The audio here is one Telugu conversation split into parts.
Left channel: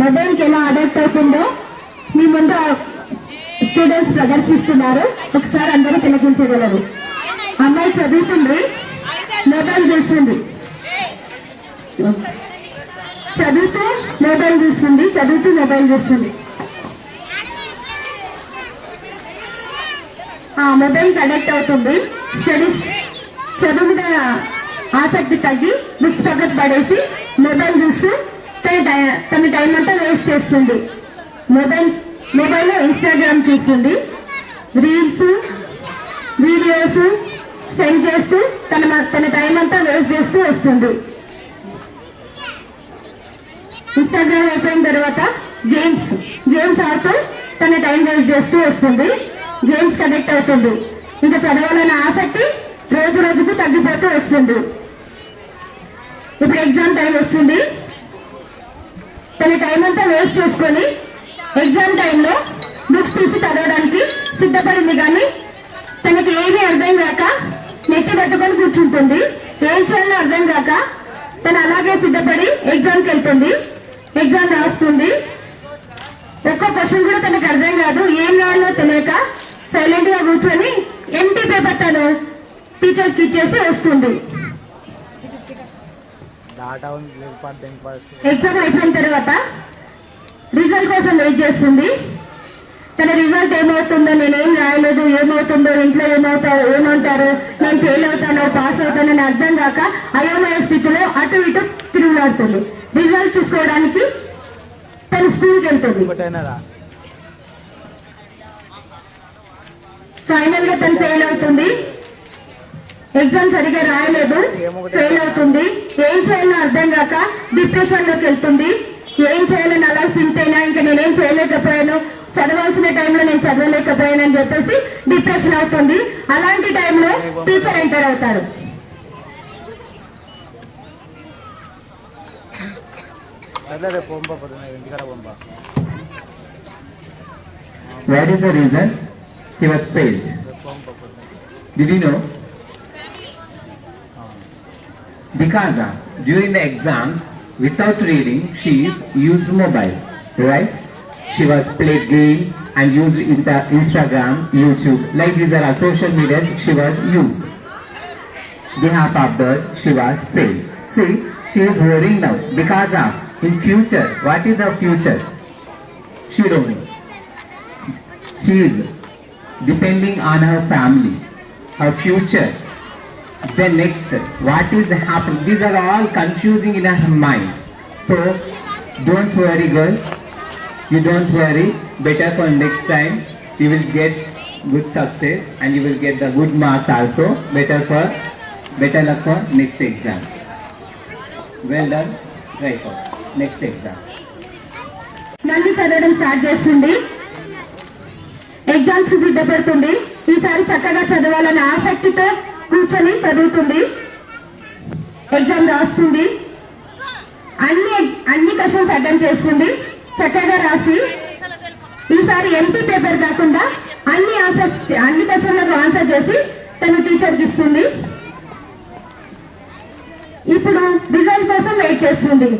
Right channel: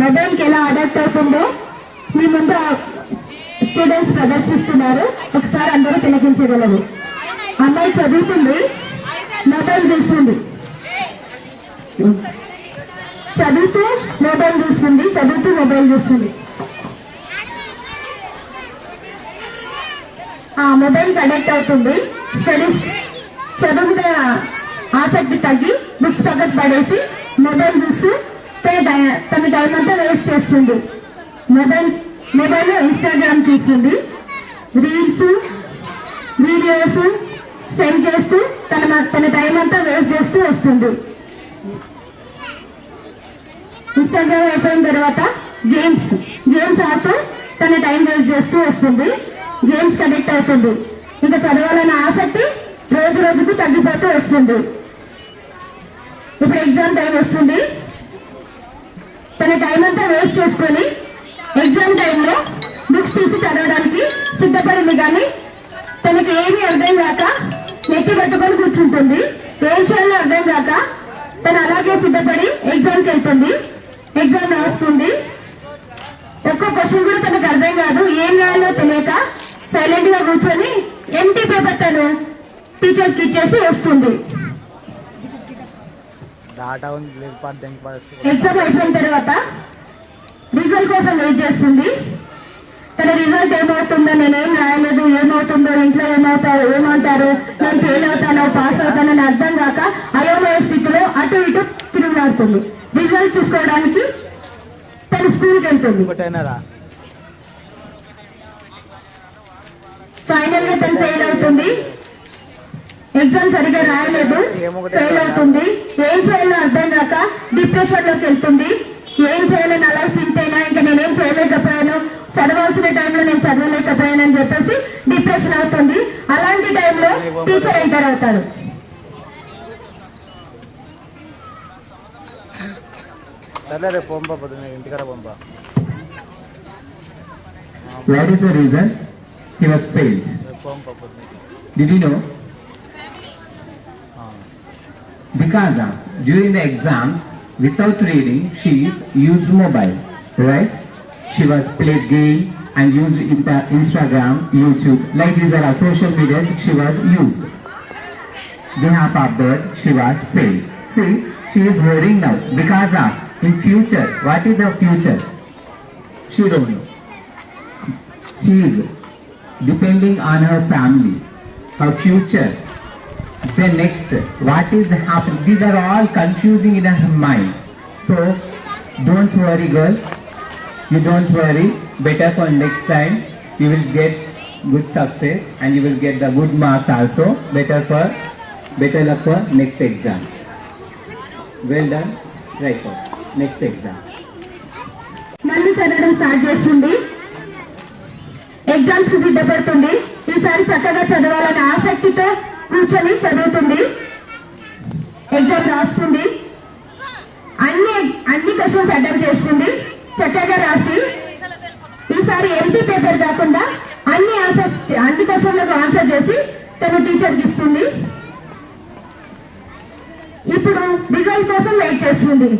మొబైల్ కి ఎలా అడాప్ట్ అవుతుందో మీ ముందు స్టూడెంట్స్ ప్రదర్శిస్తున్నారు. ఒకసారి అందరూ తిలకించగలరు. అమ్మాయి చదువుతుంది, మొబైల్ చూస్తుంది, చదువుతూ మొబైల్ చూస్తుంది. మొబైల్ కనెక్ట్ అవుతుంది. స్టడీస్ చదువు మీద ఆసక్తి తగ్గి బుక్స్ పక్కకు పడేసి మొబైల్ చూస్తూ తన టైం అంతా వేస్ట్ చేస్తుంది. మొబైల్లో ఇన్స్టాగ్రామ్ చూస్తుంది, రీల్స్ వీడియోస్ సెండ్ చేస్తూ తన టైం అంతా వేస్ట్ చేస్తూ వస్తుంది. ఇన్స్టాగ్రామ్ అయిపోయిన తర్వాత గేమ్స్ ఆడుతూ తన టైం వేస్ట్ చేస్తూ వస్తుంది. గేమ్స్ కనెక్ట్ అవుతుంది. ఇంకా చదవాలన్న ఆసక్తి రోజు రోజుకు తగ్గిపోతూ వస్తుంది. ఇప్పుడు ఎగ్జామ్ టైం వస్తుంది. తన టైం అంతా వేస్ట్ చేసుకొని ఎగ్జామ్ టైంలో బుక్స్ తీసి చదవడానికి సిద్ధపడింది. కానీ తనకి ఏమీ అర్థం కాక నెత్తి కట్టుకొని కూర్చుంటుంది. ఏం చేయాలో అర్థం కాక తను అలాగే సిద్ధపడి ఎగ్జామ్కి వెళ్తుంది. ఎగ్జామ్ రాస్తుంది. ఒక్క క్వశ్చన్ కూడా తనకు అర్థం కాదు. ఏం రాయాలో తెలియక సైలెంట్ గా కూర్చొని ఎంటీ పేపర్ తను టీచర్కి ఇచ్చేసి వస్తుంది. ఎగ్జామ్ అయిపోయిన తర్వాత రిజల్ట్ కోసం వెయిట్ చేస్తుంది. తన రిజల్ట్ ఏమవుతుందో, నేనేం రాయలేదు, ఏమవుతుందో, ఇంట్లో ఏమంటారు, నేను ఫెయిల్ అవుతానో పాస్ అవుతానో అని అర్థం కాక అయోమయ స్థితిలో అటు ఇటు తిరుగులాడుతుంది. రిజల్ట్ చూసుకోవడానికి తన స్కూల్కి వెళ్తుంది. ఫైనల్ గా తను ఫెయిల్ అవుతుంది. ఎగ్జామ్ సరిగా రాయలేదు, ఫెయిల్ అవుతుంది. ఏం చేయాలో అర్థం కాక డిప్రెషన్ లోకి వెళ్తుంది. ఏం చేయాలని అలా థింక్ అయినా ఇంకా నేనేం చేయలేకపోయాను, చదవాల్సిన టైంలో నేను చదవలేకపోయాను అని చెప్పేసి డిప్రెషన్ అవుతుంది. అలాంటి టైంలో టీచర్ ఎంటర్ అవుతారు. What is the reason he was failed? Did you know? Because during the exams, without reading, she used mobile, right? She was played games and used Instagram, YouTube, like these are social media. She was used. Behalf of that, she was failed. See, she is worrying now because of in future. What is the future? She don't know. She is depending on her family, her future. Then next, what is happening? These are all confusing in her mind. So, don't worry, girl. You don't worry. Better for next time. You will get good success and you will get the good marks also. Better luck for next exam. Well done. Right on. Next exam. మళ్ళీ చదవడం స్టార్ట్ చేస్తుంది. ఎగ్జామ్స్ కి సిద్ధపడుతుంది. ఈసారి చక్కగా చదవాలనే ఆసక్తితో కూర్చొని చదువుతుంది. ఎగ్జామ్ రాస్తుంది. అన్ని క్వశ్చన్స్ అటెంప్ట్ చేస్తుంది. చక్కగా రాసి ఈసారి ఎంటీ పేపర్ కాకుండా అన్ని క్వశ్చన్లకు ఆన్సర్ చేసి తను టీచర్కి ఇస్తుంది. ఇప్పుడు రిజల్ట్ కోసం వెయిట్ చేస్తుంది.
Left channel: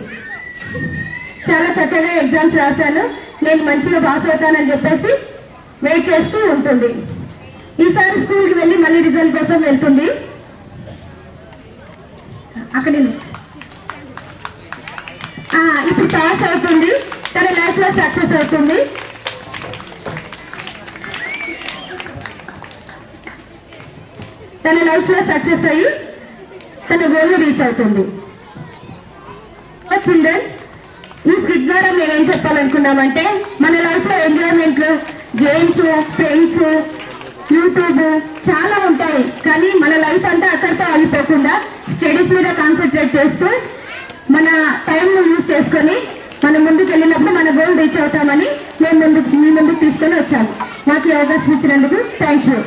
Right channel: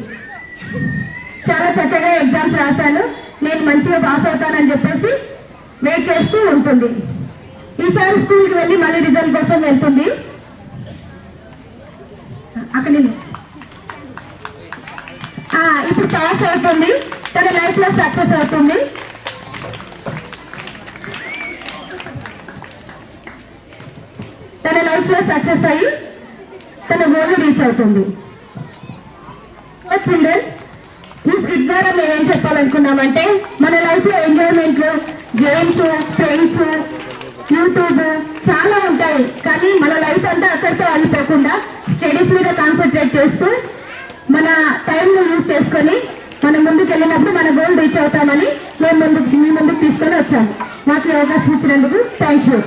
చాలా చక్కగా ఎగ్జామ్స్ రాశాను, నేను మంచిగా పాస్ అవుతానని చెప్పేసి వెయిట్ చేస్తూ ఉంటుంది. ఈసారి స్కూల్కి వెళ్ళి మళ్ళీ రిజల్ట్ కోసం వెళ్తుంది. అక్కడ ఇప్పుడు పాస్ అవుతుంది. తన లైఫ్ లో సక్సెస్ అవుతుంది. తన లైఫ్ లో సక్సెస్ అయ్యి తన గోల్ రీచ్ అవుతుంది. చిల్డ్రన్, ఈ స్కిట్ ద్వారా మేమేం చెప్పాలనుకున్నామంటే మన లైఫ్ లో ఎంజాయ్మెంట్లు, గేమ్స్, ఫ్రెండ్స్, యూట్యూబ్ చాలా ఉంటాయి. కానీ మన లైఫ్ అంతా అక్కడితో ఆగిపోకుండా స్టడీస్ మీద కాన్సన్ట్రేట్ చేస్తూ మన టైంను యూజ్ చేసుకొని మనం ముందుకు వెళ్ళినప్పుడు మన గోల్ రీచ్ అవుతామని మేము మీ ముందుకు తీసుకొని వచ్చాము. నాకు ఈ అవకాశం ఇచ్చినందుకు థ్యాంక్ యూ.